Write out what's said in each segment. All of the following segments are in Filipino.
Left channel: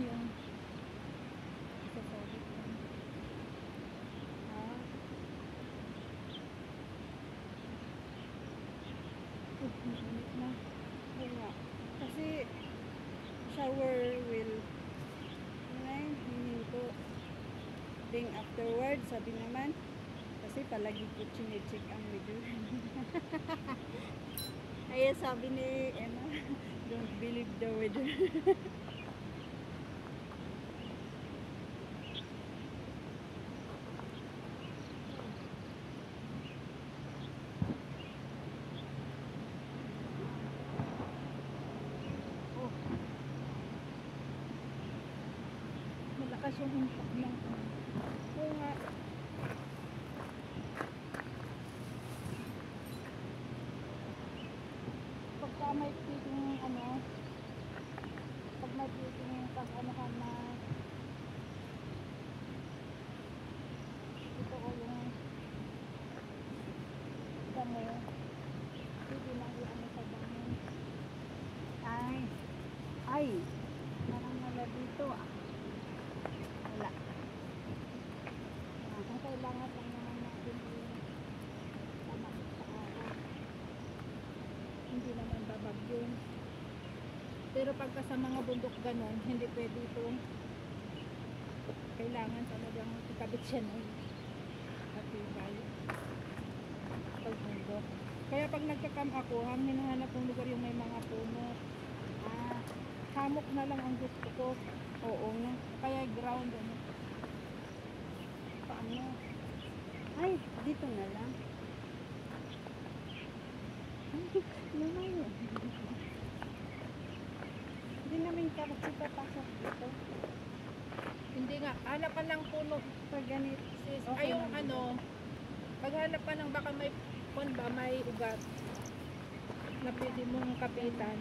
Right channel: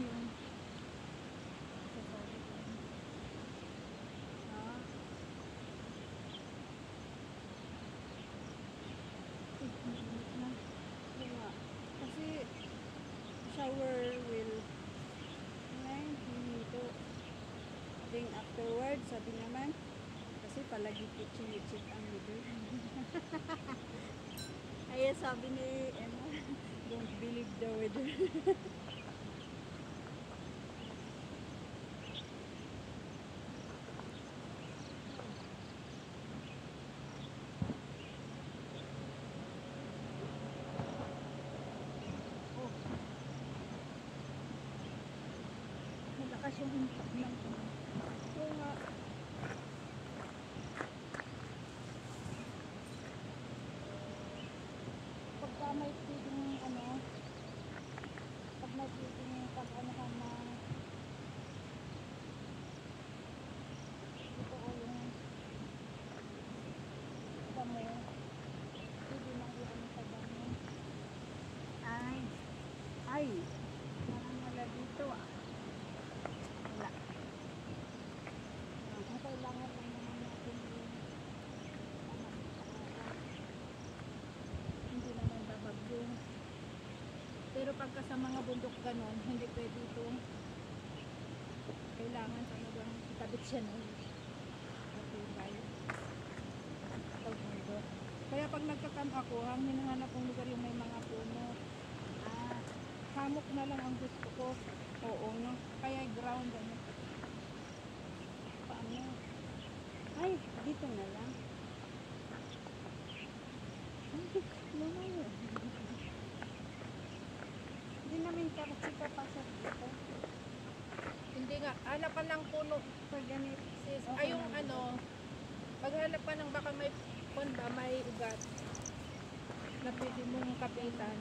yung sasabit lang. Mainit na. Oo nga. Kasi shower will hininto. Then afterwards, sabi naman, kasi palagi ko chine-check ang weather. Ay, sabi ni Emma, don't believe the weather. Oh, malakas yung impact ng ano. Oo nga. Pagka may pwedeng ano, pag may pwedeng pag-anohan na ito o yung damo, pwede na i-ano sa damo. Ay, parang wala dito ah. Wala. Ang kailangan lang naman natin yung tamakit sa araw. Hindi naman babagyo. Pero pagka sa mga bundok ganon, hindi pwede itong kailangan talagang ikabit siya ng atibay pag bundok. Kaya pag nagkakam ako, ang hinahanap kong lugar yung may mga puno. Hamok na lang ang gusto ko. Oo nga. Kaya ground ano. Paano? Ay, dito na lang. Lumayo. Hindi namin kasi papasok dito. Hindi nga, hanapan ng puno. Pag ganito. Sis, Okay ay yung lang ano, maghanap pa ng baka may ba, may ugat na pwede mong kapitan.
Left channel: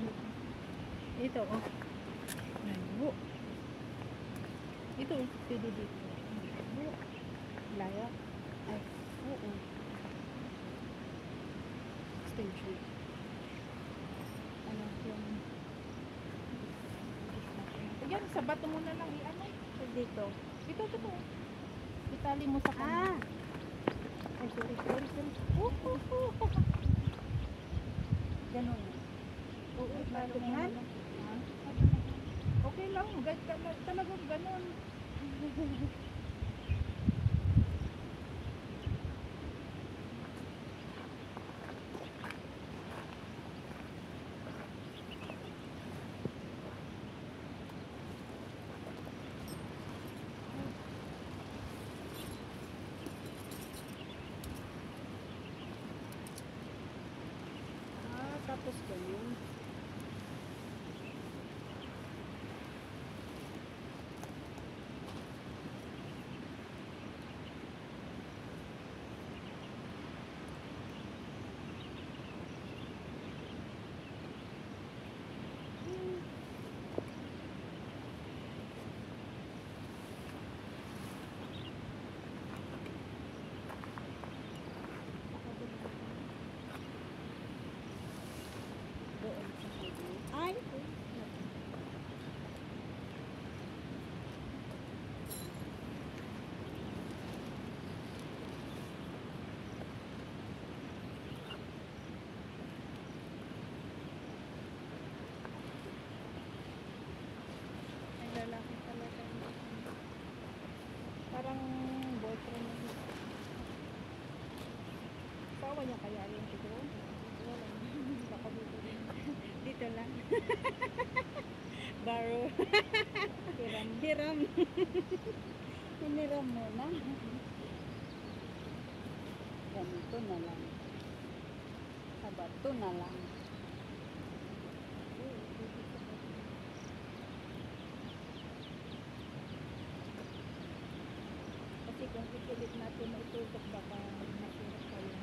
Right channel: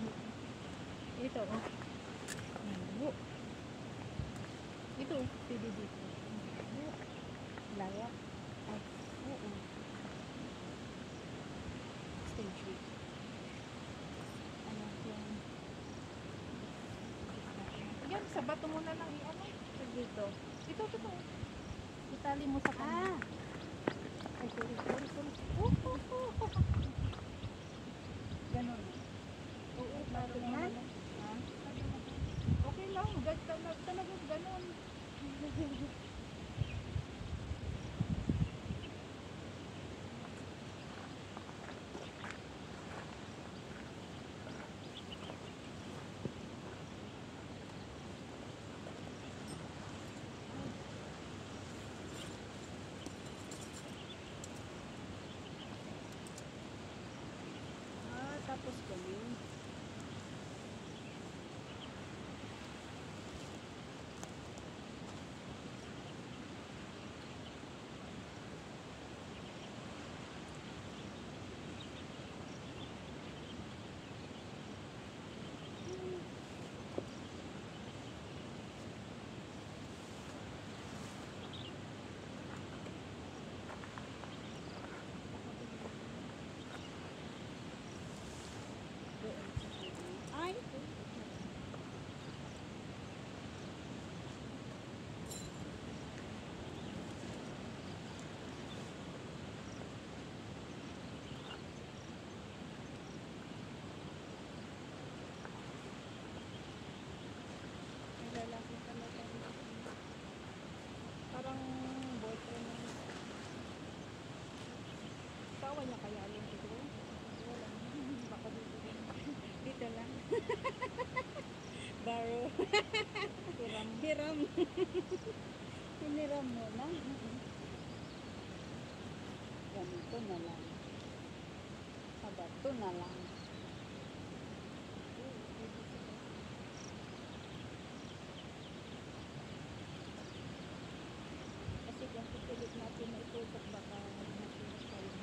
Ito, oh. Layo. Ito, pwede dito. Layo. Layo. Ay, oo. Stage. Ano yung... Yan, sa bato mo na lang i-ano. Pag dito. Ito. Itali mo sa kanya. Ay, sorry. Ganun. Oo, Bato mo na lang. Ha? Okay lang, talagang ganon. Tapos ganun. Doon sa kanya. Ay! Ay, lalaki talaga. Parang boyfriend mo. Sawa niya kaya yun siguro? Wala. Baka dito rin. Dito lang. Baro. Hiram. Hiniram mo na. Ganito na lang. Sa bato na lang. Kasi kung ipilit natin na itutok baka masurat tayo.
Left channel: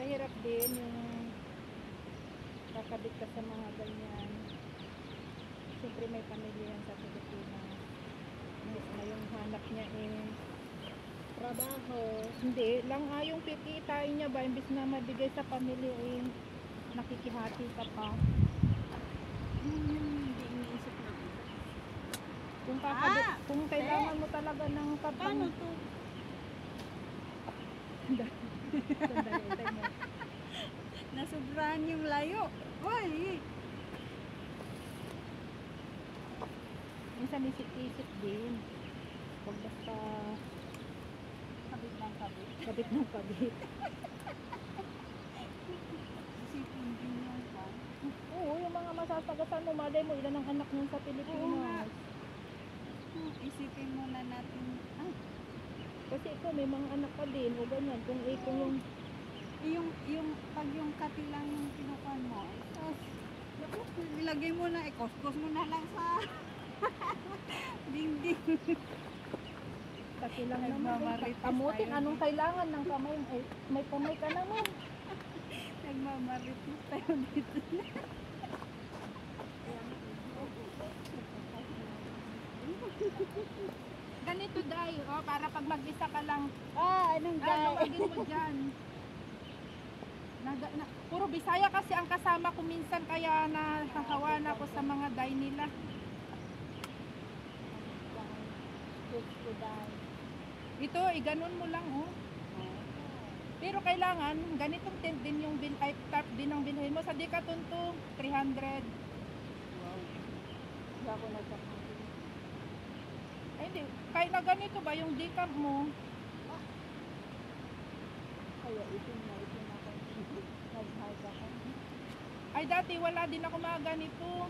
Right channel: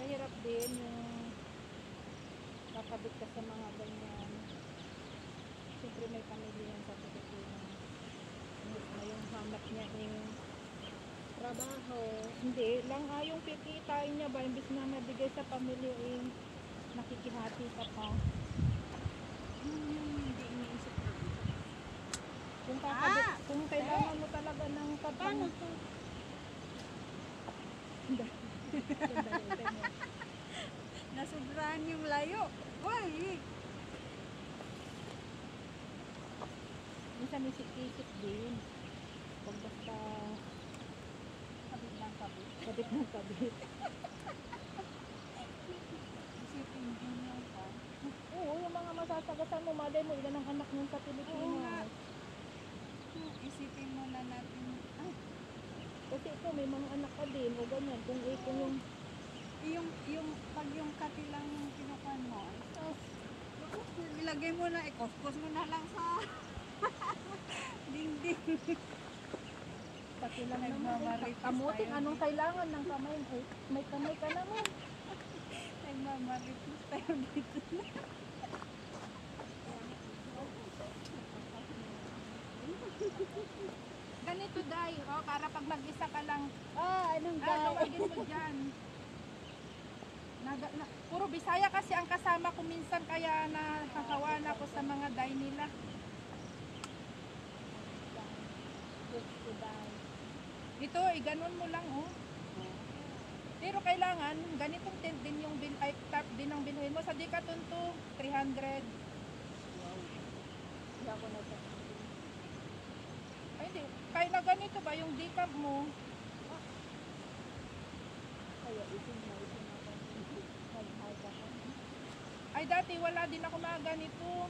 Mahirap din yung kakabit ka sa mga ganyan. Siyempre may pamilya yan sa Pilipinas. Na yung hanap niya trabaho. Hindi, lang yung kikitain niya ba, imbis na mabigay sa pamilya eh, nakikihati ka pa. Hindi iniisip na. Kung kakabit, Ah, kung kailangan mo talaga ng Paano to? Sandali, hintay mo. Nasubrahan yung layo. Uy! Minsan isip-isip din. Pag basta Kabit lang kabit. kabit ng kabit. Isipin din yung pa. Oo, yung mga masasagasan mo, malay mo, ilan ang anak niyan sa Oo nga. Pilipinas. Isipin muna natin. Ay, Kasi ikaw, may mga anak ka din, o ganyan. Kung yung pag yung kape lang yung kinukuhan mo, ay, naku, ilagay mo na, ikuskos mo na lang sa dingding. pati lang naman, Nagmamarites kamutin, tayo. anong kailangan ng kamay? Eh, may kamay ka naman. Nagmamarites tayo dito. Ganito, Day, oh, para pag mag-isa ka lang, Anong luwagin mo dyan. Puro Bisaya kasi ang kasama ko minsan, kaya nahahawan ako sa mga Day nila. Ito, iganon mo lang, oh. Pero kailangan, ganitong tent din yung cup din ang bilhin mo. Sa Decathlon to, 300. Wow. Hindi ako nagkakasin. Ay, hindi. Kaya ganito ba yung decaf mo? Kaya itin ako. Nag-hike ako. Ay, dati wala din ako mga ganito.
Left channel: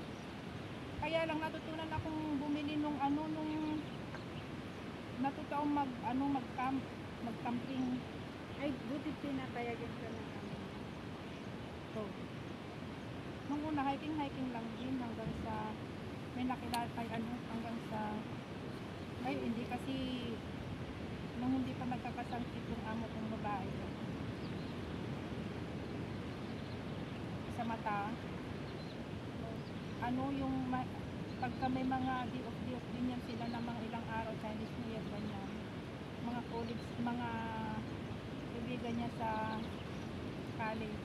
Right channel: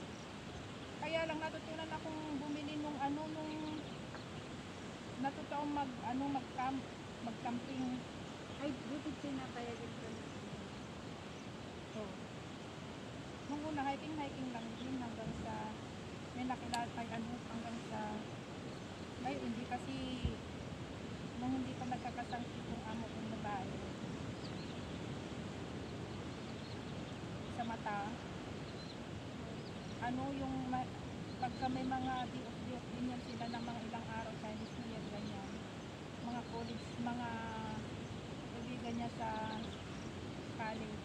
Kaya lang natutunan akong bumili nung natutong mag-camping. Ay, buti pinapayagan ka na kami. Oh. Nung una, hiking lang din hanggang sa may nakilala hanggang sa hindi kasi nung hindi pa nagkakasangkit yung amo kong babae sa mata, pagka may mga di-off din yan sila ng mga ilang araw, Chinese New Year, ganyan, mga college, mga kaibigan niya sa college,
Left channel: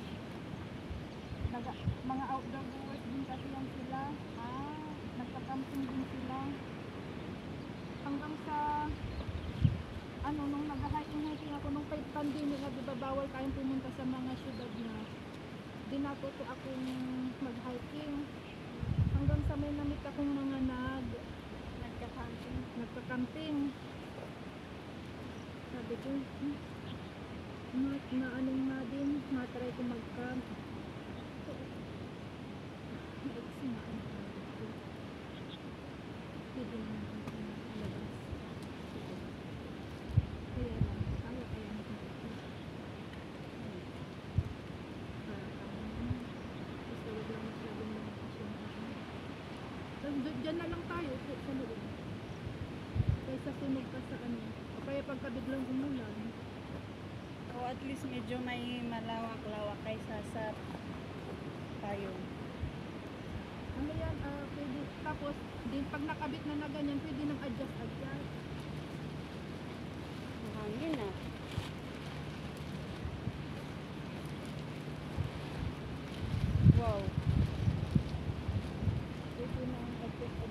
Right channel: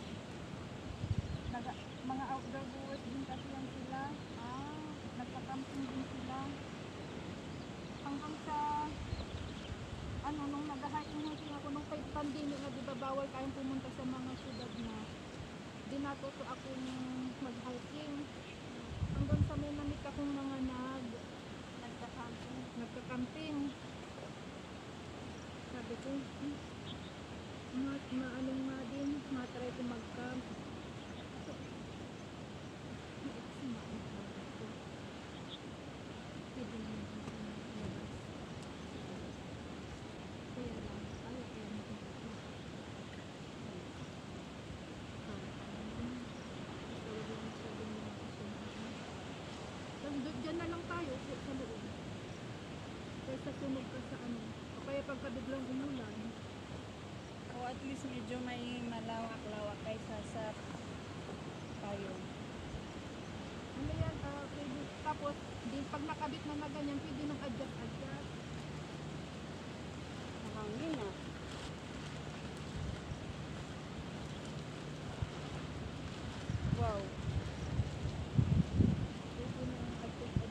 mga outdoor goers din kasi yan sila, nagka-camping din sila hanggang sa nung nag-hiking ako nung pandemic na, diba bawal tayong pumunta sa mga syudad na, dinatuto akong mag-hiking hanggang sa may namit akong mga nagka-camping. Sabi ko, maanong nga din, matry ko mag-camp. Naiksinaan sabi ko. Pwede naman ako labas. Kaya lang, kaya mo kung dyan na lang tayo sa loob. Kaysa sunog ka sa o kaya pagka biglang umulan. O at least medyo may malawak-lawak kaysa sa payong. Ano yan, pwede, tapos din pag nakabit na ganyan, pwede nang adjust. Mahangin na. Wow. Pwede nang adjust.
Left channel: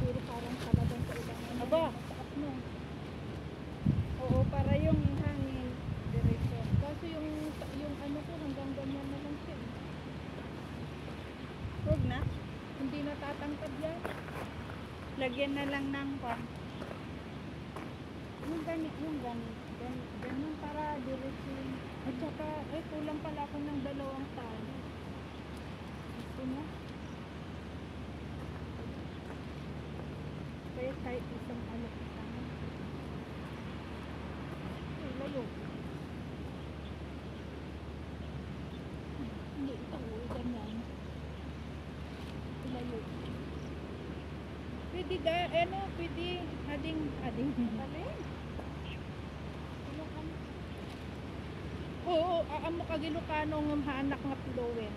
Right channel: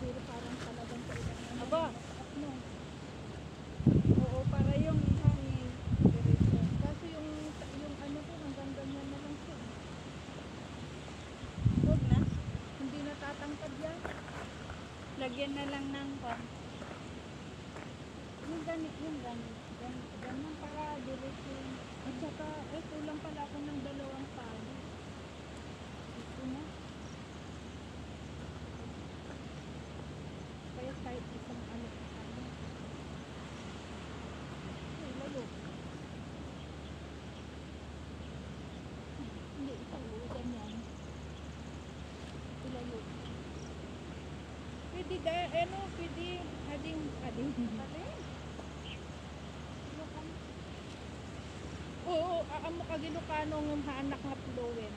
Pero parang talagang kailangan mo Aba! mataas mo. Oo, para yung hangin. Diretso. Kasi yung ko hanggang ganyan na lang siya. Huwag na. Hindi natatangkad yan. Lagyan na lang ng pan. Yung ganun para diretso. At saka, kulang pala ako ng 2 tali. Ito na. Kaya kahit isang isa na. Layo. Hindi, ito, ganyan. Ilayo. Pwede pwede, ading. Oo, aamo ka Ilocano ng haanak nga Plowen.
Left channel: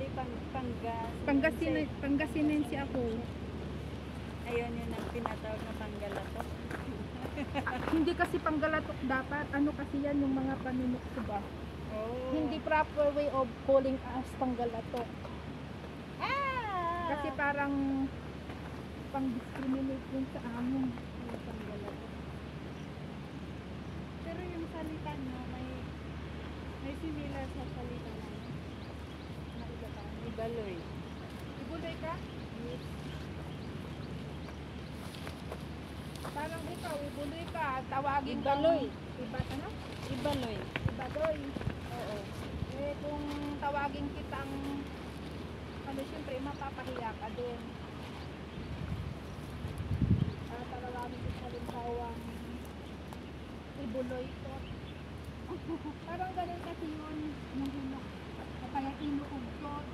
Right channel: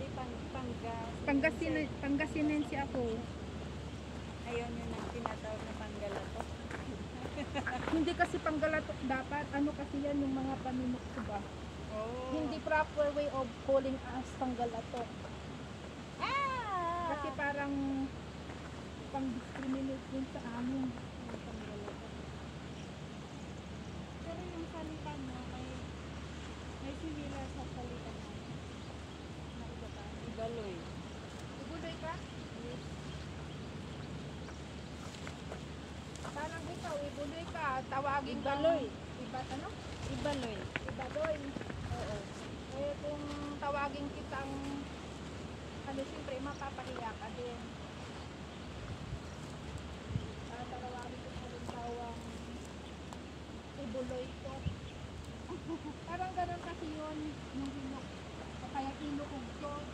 Di Pangasinan. Pangasinan si ako. Ayun yun ang tinatawag na panggalatok. Hindi kasi panggalatok dapat. Ano kasi yan yung mga panunokso ba? Oh. Hindi proper way of calling us panggalatok. Ah! Kasi parang pang-discriminate yun sa amin. Yung panggalatok. Pero yung salita nyo, may similar sa salita namin. Ibaloy. Ibuloy ka? Yes. Parang ikaw, ibuloy ka. Tawagin Ibaloy. Iba, ano? Ibaloy. Ibaloy. Oo. Eh kung tawagin kitang ano, siyempre mapapahiya ka doon. Tawagin kita halimbawa ibuloy to. Parang ganun kasi yun. Yung hilo. O kaya inuugtot.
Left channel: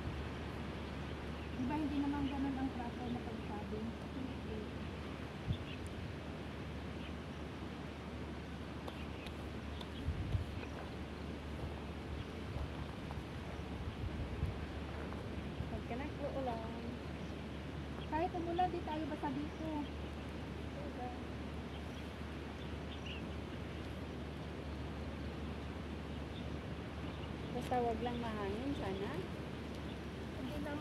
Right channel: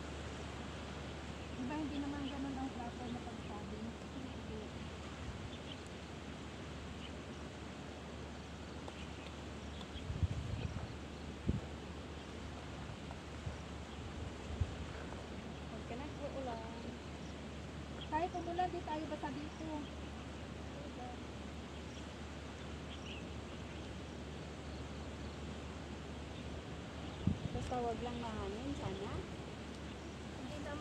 Diba hindi naman ganun ang proper na pagsabi? Hindi. Huwag ka nag-uulan. Kahit umulan, di tayo basta dito. Basta wag lang mahangin sana. Hindi na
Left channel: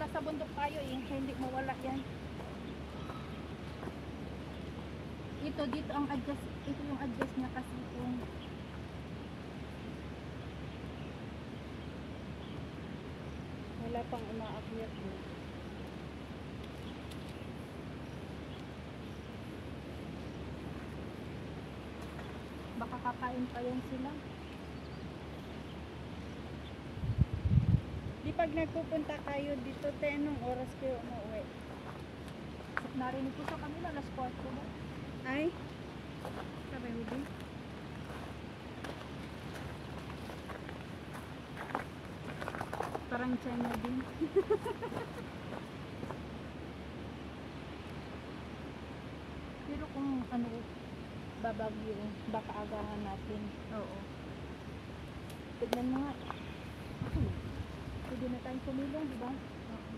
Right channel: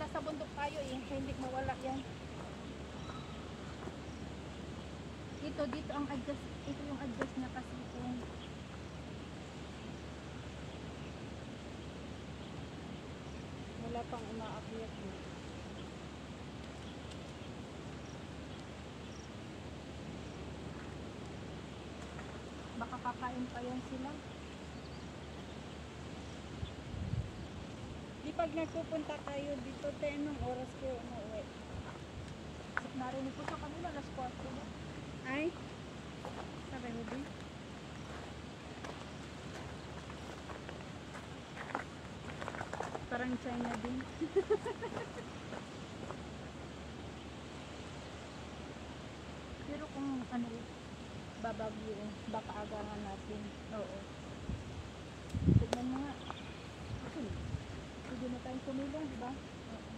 nasa bundok tayo eh, kaya hindi mawala yan. Ito dito ang adjust, ito yung adjust niya kasi itong Wala pang umaakyat mo. baka kakain pa yan sila. Di pag nagpupunta kayo dito, te, anong oras kayo umuwi? Narinig ko sa kanila, alas 4 na. Ay, Sabi mo din. parang China din. Pero kung ano, babagyo, baka agahan natin. Oo. Tignan mo nga. Okay. Pwede na tayong tumilong, di ba? Oo.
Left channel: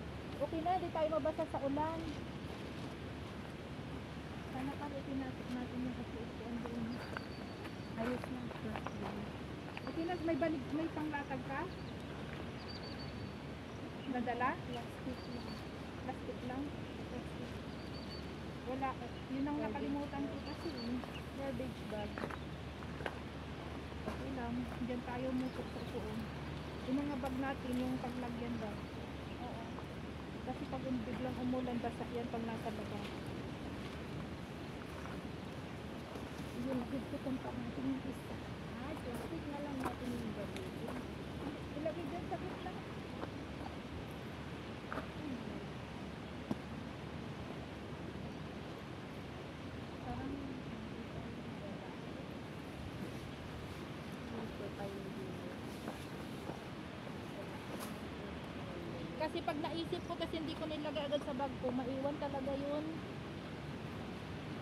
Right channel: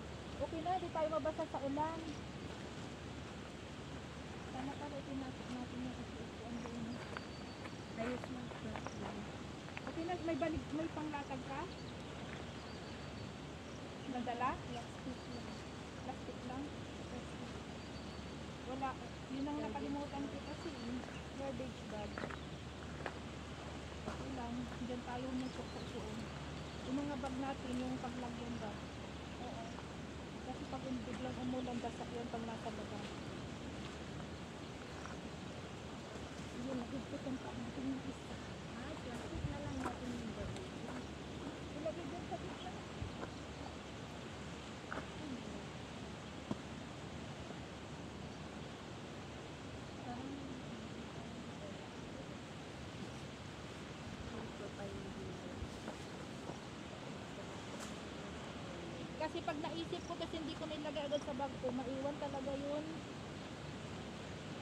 Okay na, di tayo mabasa sa ulan. Sana pala itinasok natin yung upuan doon. Ayos lang. First lang. Okay na, may panglatag ka? Nadala? Plastic lang. Plastic lang? Plastic. Wala. Yun ang nakalimutan ko kasi. Garbage bag. Okay lang. Diyan tayo musok sa upuan. Yung mga bag natin, yung paglagyan ba? Oo. Kasi pag biglang umulan, basa yan pag nasa baba. Yun, nakikita pa natin yung isa. Ay, plastic na lang natin yung garbage. Ilagay dyan sa gitna. Parang hindi tayo Kasi pag naisip ko, kasi hindi ko nilagay agad sa bag ko, maiwan talaga yun.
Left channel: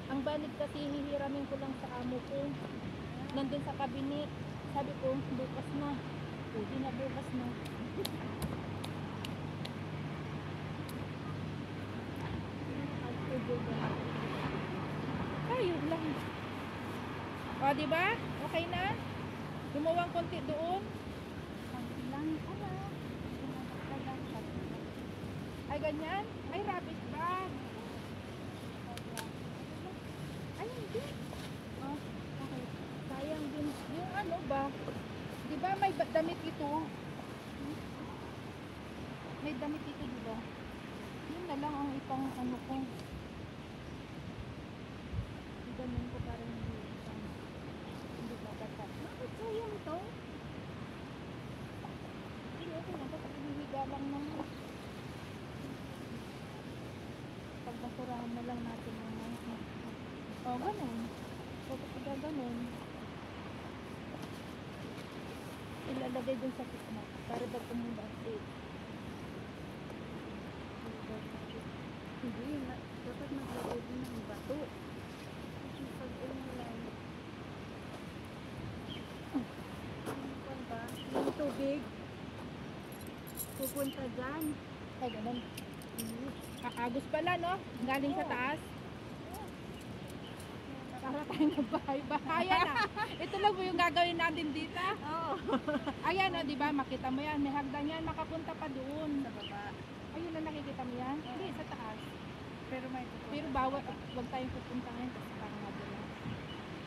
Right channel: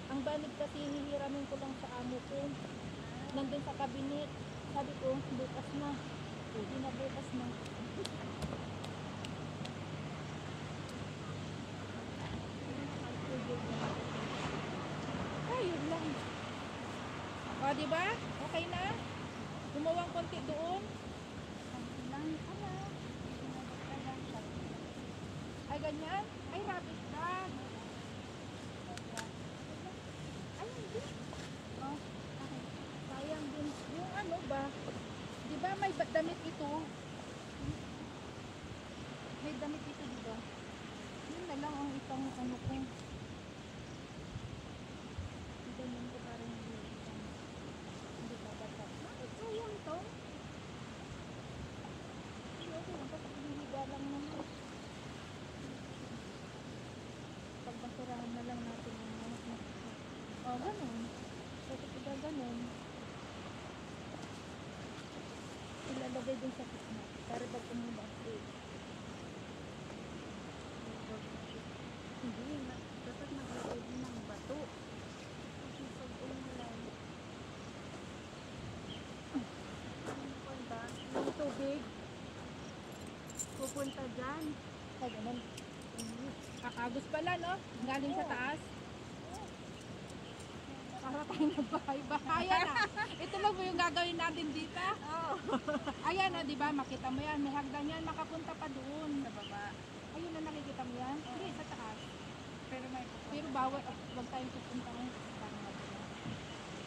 Ang banig kasi hihiramin ko lang sa amo ko. Nandun sa cabinet. Sabi ko, bukas na. Pwede na bukas na. Ayun lang. O, di ba? Okay na? Lumawang konti doon. lang. Ala. Ito na magkagang sabi lang. Ay, ganyan? Ay, rubbish bag. Ay, hindi. Oh, okay. Sayang din. Yung ano ba? Di ba may damit ito? May damit ito, di ba? Yun na lang ang ipang ano ko. Ganun ko parang hindi babasa. Bakit sayang to? Hindi, okay lang. Kasi hinihiga lang naman. Pagbasurahan na lang natin yung mga. O, ganun. Tapos ganun. Ilalagay dun sa kitna. Para pag umulan, safe. Hindi. Dapat maglagay din ng bato. Kasi pag umulan, ano ba? Yung tubig, pupunta dyan. Ay, ganun. Agos pala, no? Galing sa taas. Para tayong magbahay-bahayan na. Ito lang po yung gagawin natin dito. Oo. Ayan, no, di ba? Makita mo yan. May hagdan yan. Makapunta pa doon. Sa baba. Ayun na, nakikita mo yan? Hindi, sa taas. Pero may pupunta. Pero bawal, wag tayong pupunta ngayon kasi parang madula.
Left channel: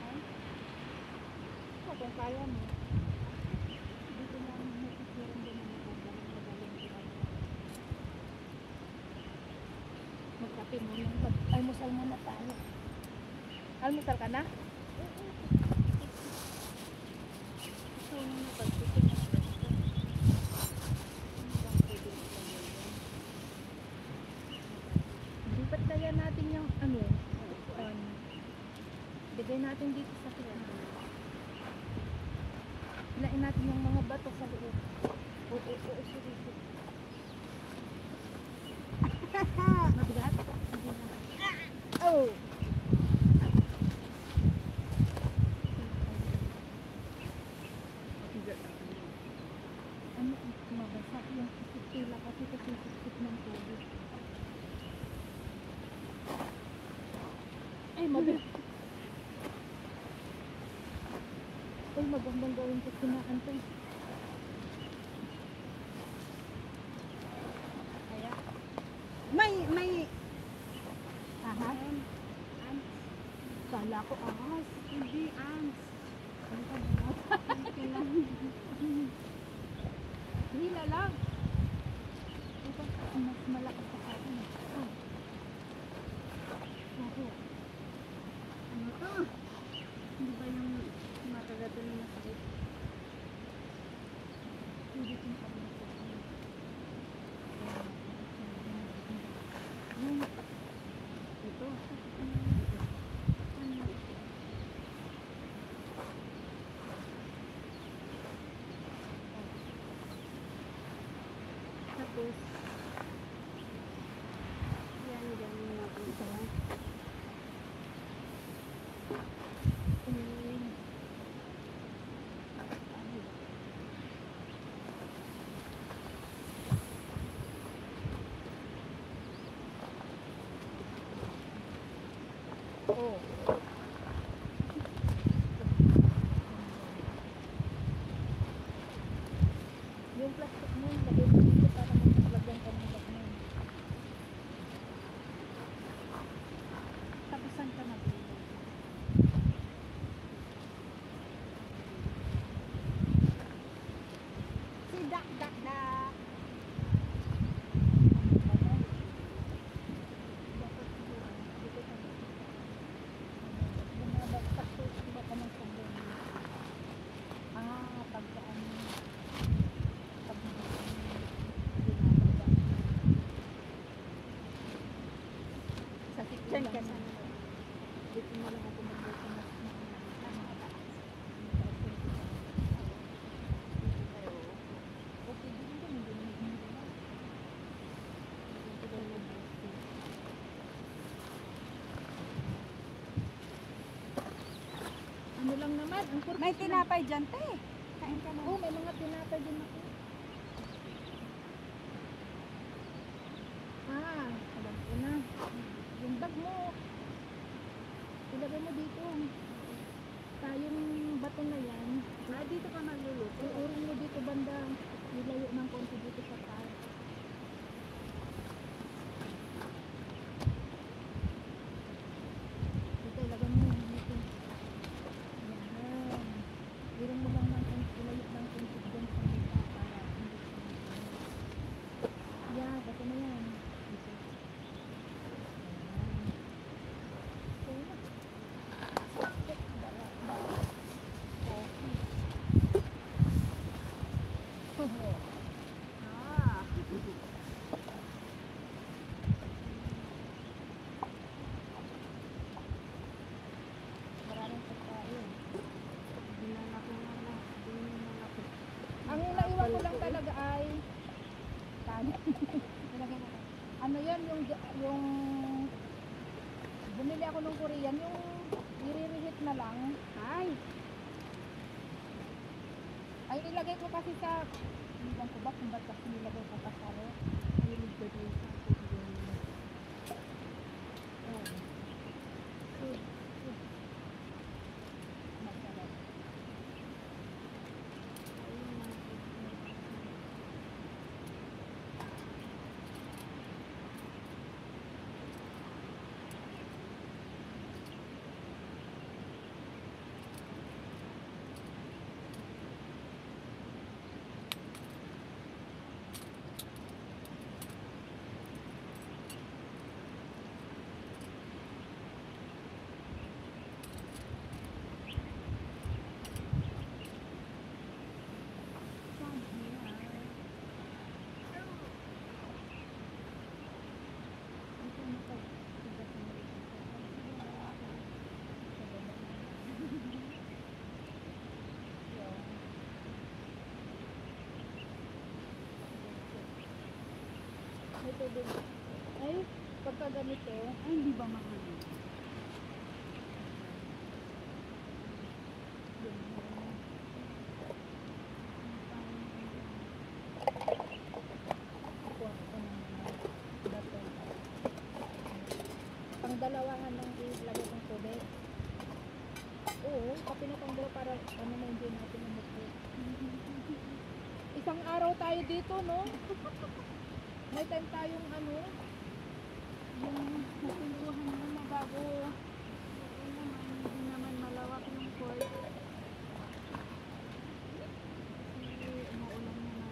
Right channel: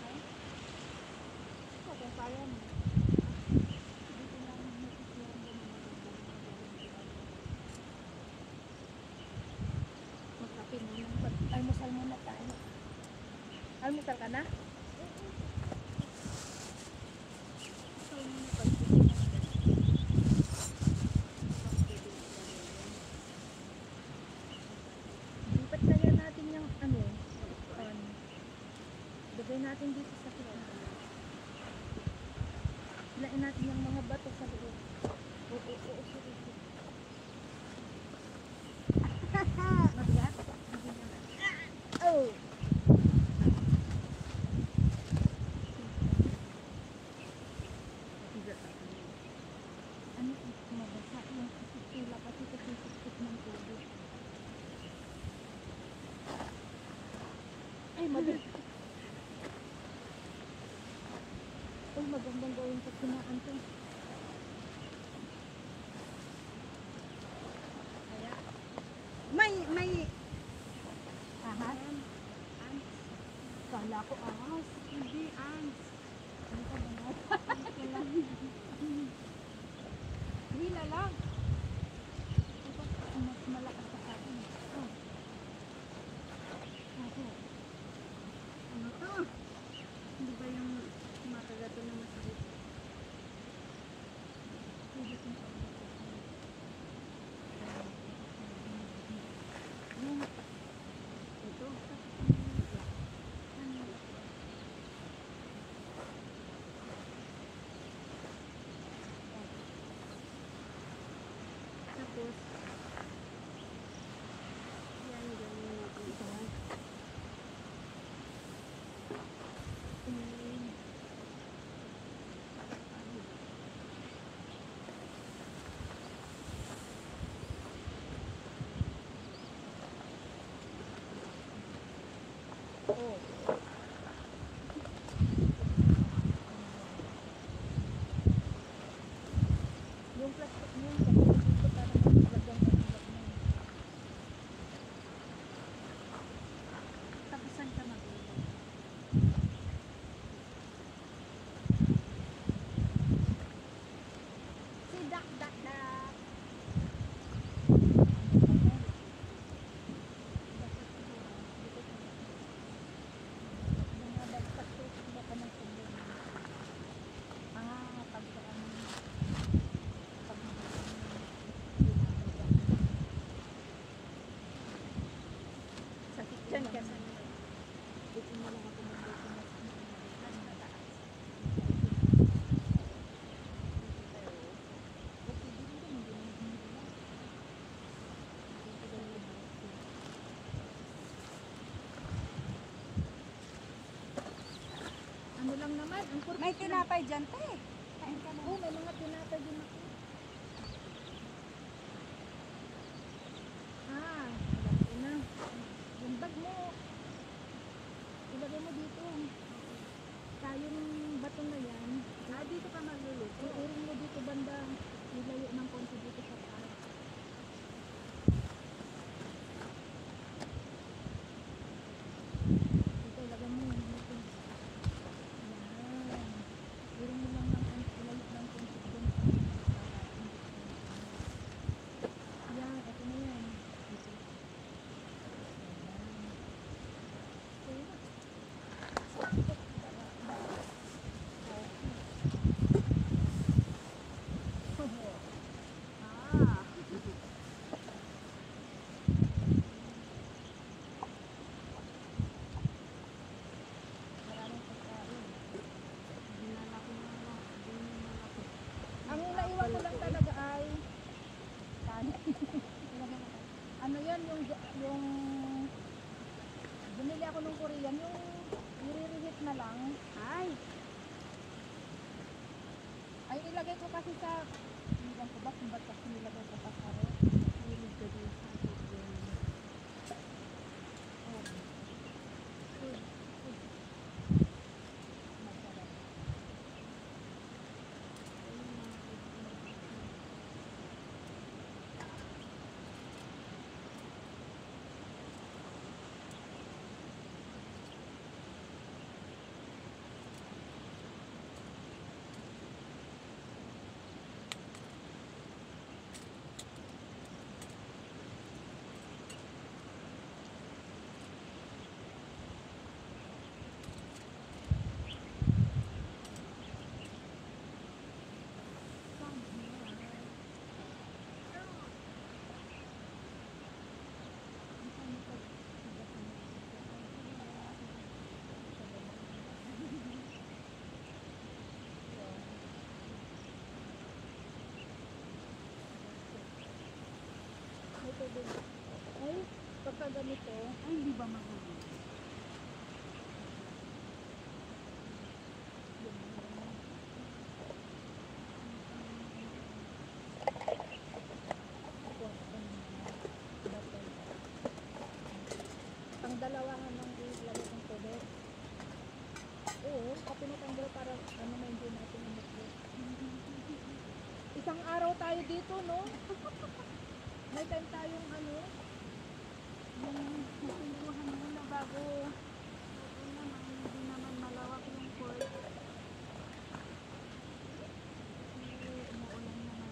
Ay? So, kung kaya mo. Dito na nakikirang din ang maganda ng magaling dito. Magkape muna. Almusal muna tayo. Almusal ka na? Ito yung napagpipin ng pwesto. Ibang pwede ilagay yan. Lipat kaya natin yung ano, upuan. Bigay natin dito sa kita. Hilain natin yung mga bato sa loob. Oo, sige. Mabigat? Hindi naman. Oh! Ano mabasa yung isip-tila kasi sisip ng tubig. Ay, mabigat. Ay, magandang gawin sa kinaan to. Kaya. May. Ahas? Ants. Kala ko ahas. Hindi ants. Ano ka ba? Hindi lang. Hila lang. Ito, mas malakas sa akin. Oh. Ako. Ano to? Hindi ba yung matagato na masakit? Pwede kong pagmatukan. Yung Ito. Ano yung ako? Tapos, yan, ganyan natin ito. oh. Yung plastic mo, sabi ko dito para maglagyan ka ng lagyan. Tapos saan ka maglagay? Si Dak Dak Dak. Dapat siguro, dito tayo. Bumabagsak to, baka ng sabon. Pagka ano, pag binababa. Sakit Saan lang. ka saan? Dito mo lang ako magbukas na Mas mataas. dito tayo. Okay, dito naman, hindi naman humila. Dito tayo mag-rescue. Ano lang naman, ang purpose May lang- tinapay dyan, te. Kain ka na. Oo, may mga tinapay din ako. Alam ko na. Yung bag mo, ilagay mo dito. Tayong bato na yan, Dito ka magluluto. uurong mo dito banda. Ilayo ng konti dito sa taas. Dito, ilagay mo yung dito. Yan. Irong mo lang ng konti, ilayo ng konti dyan sa mga para hindi sumama. Yan, ito na yan. Dito. Yan. Okay na. Ah. Maraming pagkain. Dinala ko nga na. Dinala ko. Ang naiwan ko lang talaga ay kanin. Nilagay mo to. Ano yan, yung bumili ako ng Korean, yung i-reheat na lang. Ay. Ay, nilagay ko kasi sa, iwan ko ba kung ba't kasi nilagay ko pa sa ref. Hilig ko din sa Korean. May tubig. Ay, pagka ganito, Ay, hindi ba mahuli? yun, yun. Kukuha ako ng dapat. Ang dalawahan ng ilagay ng tubig. Oo, kapag pinatanggal para ano ma-enjoy natin ang mukha. Isang araw tayo dito, no? May time tayong ano, Yung natinduhan mo na bago, okay naman, hindi naman malawak yung court. Kasi umuulan naman.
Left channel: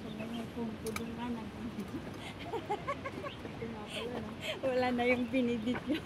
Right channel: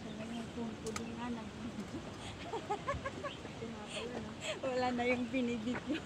So ngayon kung pudong nga tinapay, no? wala na yung binidit yun.